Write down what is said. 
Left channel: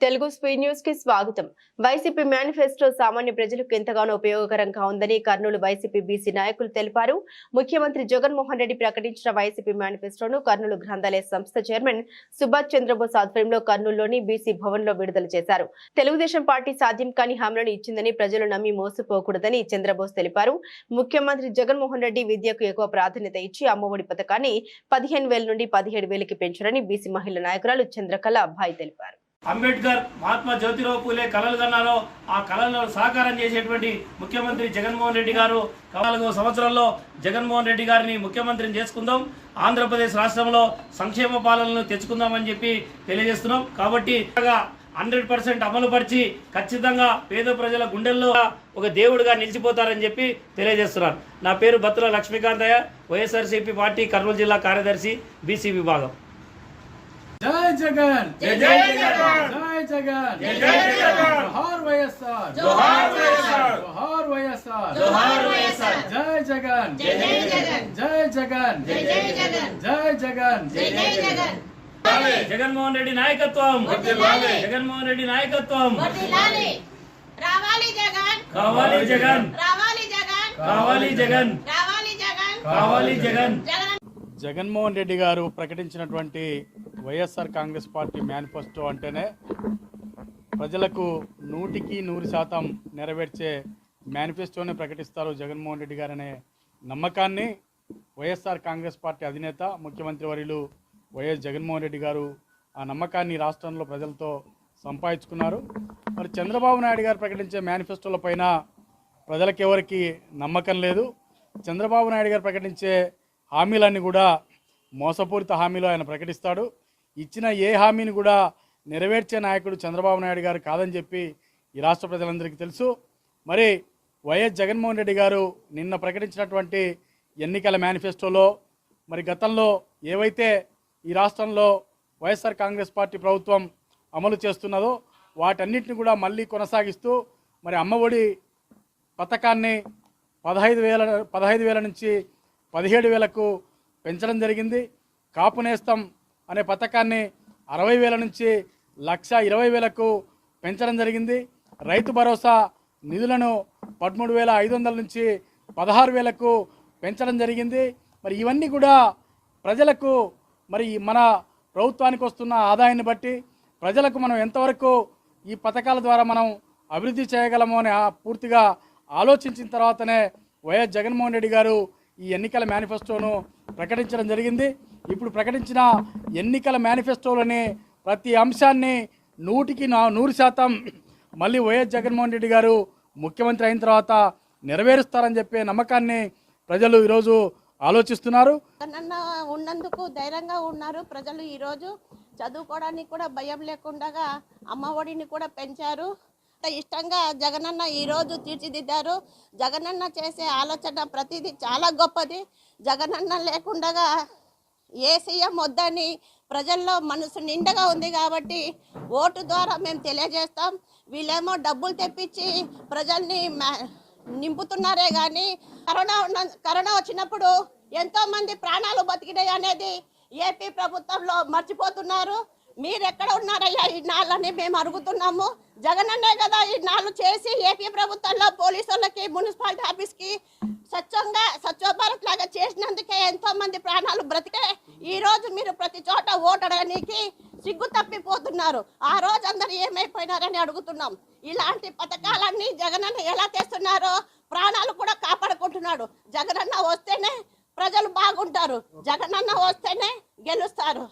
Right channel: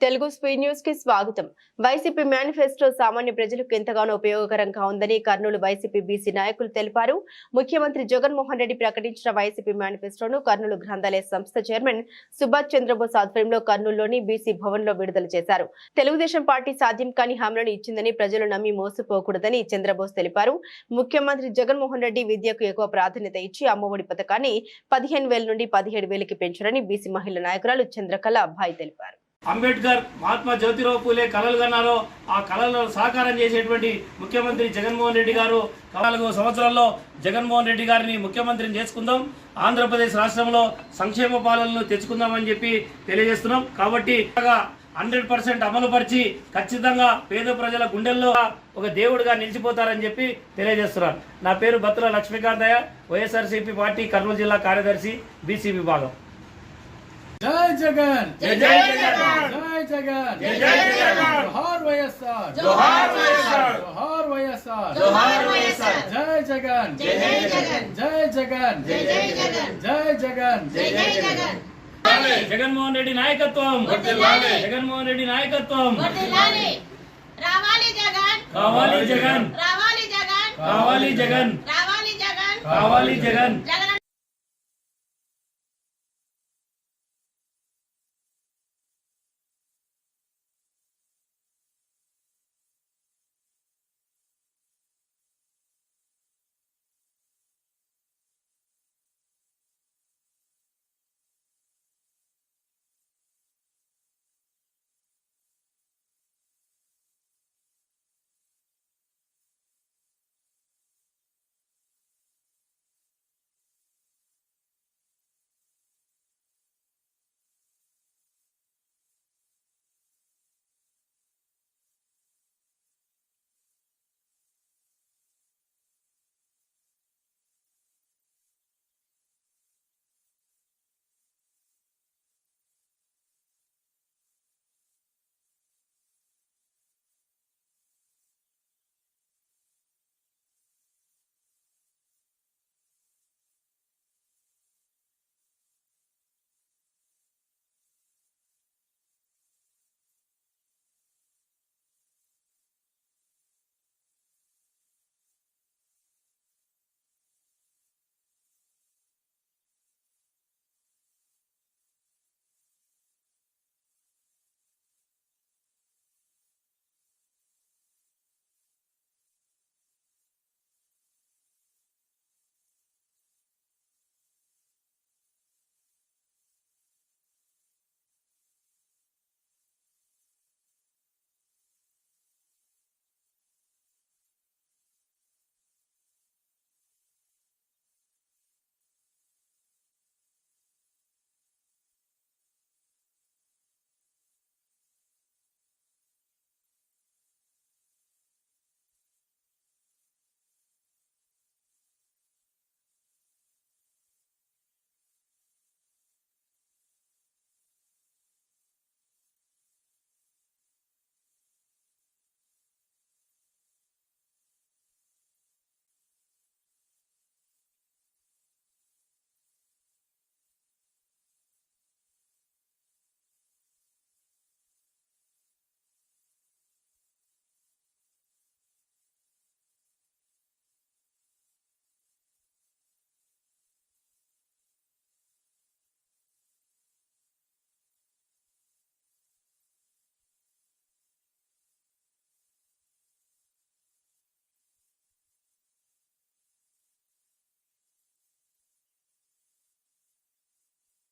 Telugu speed న్యూస్కి స్వాగతం. YCP manifesto సామాన్య ప్రజలకు ఎంతగానో ఉపయోగకరంగా ఉందని కర్నూలు వైసీపీ బీసీ నాయకులు తెలిపారు. ముఖ్యమంత్రి జగన్మోహన్ రెడ్డి ప్రకటించిన వైసీపీ మేనిఫెస్టోను కర్నూలు గ్రంథాలయ సంస్థ చైర్మన్ సుభాష్ చంద్రబోస్ ఆధ్వర్యంలో కర్నూలులోని బీసీ భవన్లో విడుదల చేశారు. తెలుగుదేశం పార్టీ సాధ్యం కాని హామీలను ఇచ్చిందని ప్రజలు నమ్మి మోసపోకూడదని చంద్రబోస్ తెలిపారు. ముఖ్యమంత్రి జగన్మోహన్ రెడ్డి విద్యకు ఎక్కువ ప్రాధాన్యత ఇచ్చి అమ్మఒడి పథకాన్ని పదిహేను వేల నుండి పదిహేడు వేలకి పెంచారని బీసీ మహిళా నాయకురాలు చంద్రకళ అబ్బాయి తెలిపారు. అంబేద్కర్ మహాత్మా జ్యోతిరావు పూలే కళలు కన్నారో ఆ కళలను సాకారం చేసేటువంటి ముఖ్యమంత్రి జగన్మోహన్ రెడ్డి గారు. నాలుగో సంవత్సరంలో జగన్మోహన్ రెడ్డి గారిని ముఖ్యమంత్రిని చేసుకుందాం. ఆంధ్రప్రదేశ్ రాష్ట్రంలో సంక్షేమ పాలనను తెచ్చుకుందామని చెప్పి తెలియజేస్తున్నాం. కాబట్టి హండ్రెడ్ పర్సెంట్ అమలుపరిచి ఖచ్చితంగా పేద ప్రజల గుండెల్లో ఒక దేవుడిగా నిలిచిపోతారని చెప్పి తెలియజేస్తున్నాను నా పేరు బత్తుల లక్ష్మీకాంతయ్య వైఎస్ఆర్సీపీ పార్టీ కర్నూలు జిల్లా కార్యదర్శి బీసీ విభాగం. జై జగన్ జై జై జగన్ జై జగన్ జై జై జగన్ జోహార్ వైఎస్ఆర్ జోహార్ వైఎస్ఆర్ జోహార్ వైఎస్ఆర్ జోహార్ వైఎస్ఆర్ జై జగన్ జై జై జగన్ జై జగన్ జై జై జగన్ జై జగన్ జై జై జగన్ జగన్మోహన్ రెడ్డి నాయకత్వం వర్ధిల్లాలి. జగన్మోహన్ రెడ్డి నాయకత్వం వర్ధిల్లాలి రావాలి జగన్ కావాలి జగన్ రావాలి జగన్ కావాలి జగన్ రావాలి జగన్ కావాలి జగన్ జగన్ జగన్మోహన్ రెడ్డి గారు ప్రకటించినటువంటి వైఎస్ఆర్ కాంగ్రెస్ పార్టీ మేనిఫెస్టో అంటేనే ప్రజలకు నూటికి నూరు శాతం నెరవేర్చే మేనిఫెస్టోనే ప్రకటిస్తారు జగన్మోహన్ రెడ్డి గారనే నమ్మకాన్ని వైఎస్ఆర్ కాంగ్రెస్ పార్టీ అధినేత ముఖ్యమంత్రి వర్యులు వైఎస్ జగన్మోహన్ రెడ్డి గారు ఆ నమ్మకాన్ని రాష్ట్రంలో ప్రజలతో సంపాదించుకున్నారు. మరి చంద్రబాబు నాయుడు గారు ప్రకటించే మేనిఫెస్టోల పైన ప్రజలకు ఎవరికి నమ్మకం లేదు. చంద్రబాబు నాయుడు గారు ప్రకటించే హామీలన్నీ కూడా మోసపూరిత హామీలు ఆయన ప్రకటిస్తాడు. ఇచ్చిన ఏ హామీని కూడా నెరవేర్చే నాయకుడు చంద్రబాబు నాయుడు గారు కాదని చెప్పి ఈ రాష్ట్ర ప్రజలందరికీ తెలుసు. మరి వైఎస్ జగన్మోహన్ రెడ్డి గారు నిన్న ప్రకటించినటువంటి ఎన్నికల మేనిఫెస్టోలో మరి గతంలో ఏవైతే ఈ రాష్ట్రంలో వైఎస్ఆర్ కాంగ్రెస్ పార్టీ ప్రభుత్వం అమలు చేస్తున్నదో వాటన్నిటిని కూడా మళ్ళీ కొనసాగిస్తూ మరి అమ్మఒడి పథకాన్ని పదహైదు వేల పదహైదు వేల నుంచి పదిహేడు వేలకు పెంచడం జరిగింది. కాపు నేస్తం అనే పథకాన్ని అరవై వేల నుంచి లక్ష ఇరవై వేలకు పెంచడం జరిగింది. రైతు భరోసా నిధులను పదమూడు వేల ఐదు వందల నుంచి పదహారు వేలకు పెంచడం జరిగింది. మరి ఇవన్నీ కూడా ప్రజలకు మరి మన ప్రభుత్వానికి వస్తున్న ఆదాయాన్ని బట్టి ప్రజలకు మనం ఎంతవరకు ఈ పథకాల ద్వారా మనం అభివృద్ధి చేయగలము అని ఆ పూర్తిగా ఆలోచించిన తర్వాతనే వైఎస్ జగన్మోహన్ రెడ్డి గారు ఈ ఎన్నికల మేనిఫెస్టోను ప్రకటించడం జరిగింది. ఇప్పుడు ప్రకటించిన ఎన్నికల మేనిఫెస్టోలోని ప్రతి అంశాన్ని నూటికి నా నూరు శాతం మళ్ళీ వైఎస్ జగన్మోహన్ రెడ్డి గారు ముఖ్యమంత్రి అయిన తర్వాత నెరవేరుస్తారని చెప్పే నమ్మకాన్ని ప్రజలు ఈరోజు ఆలోచిస్తున్నారు. నన్న ఉన్నందుకు ధైర్యంగా ఉన్నారు ప్రజలు ఈరోజు. చదువుకోవడానికి కూడా భయం లేకుండా అమ్మ ఒడిని కూడా పెంచారు. అంత ఇష్టంగా జగనన్న ఈరోజు తీర్చిదిద్దారు. జగనన్న చేసే ఆలోచన ప్రతిదీ చాలా గొప్పది. జగనన్న లేకుండా ఏ సీఎం వద్దని ప్రజల్లో మనసు నిండగా ఉంది కాబట్టి ఓటు ద్వారా మేము తెలియజేస్తాం. వీళ్ళేమో డబ్బులు తెప్పించి ప్రజల్ని నింపుతున్నారే కానీ కరోనా ఉన్న కరోనా వచ్చినప్పుడు ఎంతోమంది ప్రాణాలు బతికినాయి అనేది ఏపీ ప్రభుత్వంలో మర్చిపోతున్నారు. మీరు ఎక్కడ ఉన్నారయ్యా ఈ నాళ్ళని మేము అడుగుతున్నాము. జగనన్నే కదా ఈ నాళ్ళు చేసి ఏపీ ప్రభుత్వంలో పోలీసులకి మున్సిపాలిటీ ఆఫీస్కి స్వచ్ఛంగా స్వచ్ఛ భారత్ లాగా చేసినందుకే ఎంతో మంది ప్రాణాలు బ్రతికే ఈ రోజు మీరు ప్రతి చోట ఓటడానికి సిగ్గు తప్పిపోతున్నారు. ఆ రోజు అందరు ఏమైపోయినారని అడుగుతున్నాం. ఇలాంటి పథకాలన్నీ జగనన్న ఎలా తెస్తున్నారో ప్రాణాలు కూడా కాపాడుకుంటున్నాడు. జగనన్న వస్తేనే ప్రజలు బాగుంటారు. జగనన్న వస్తేనే గెలుస్తారు.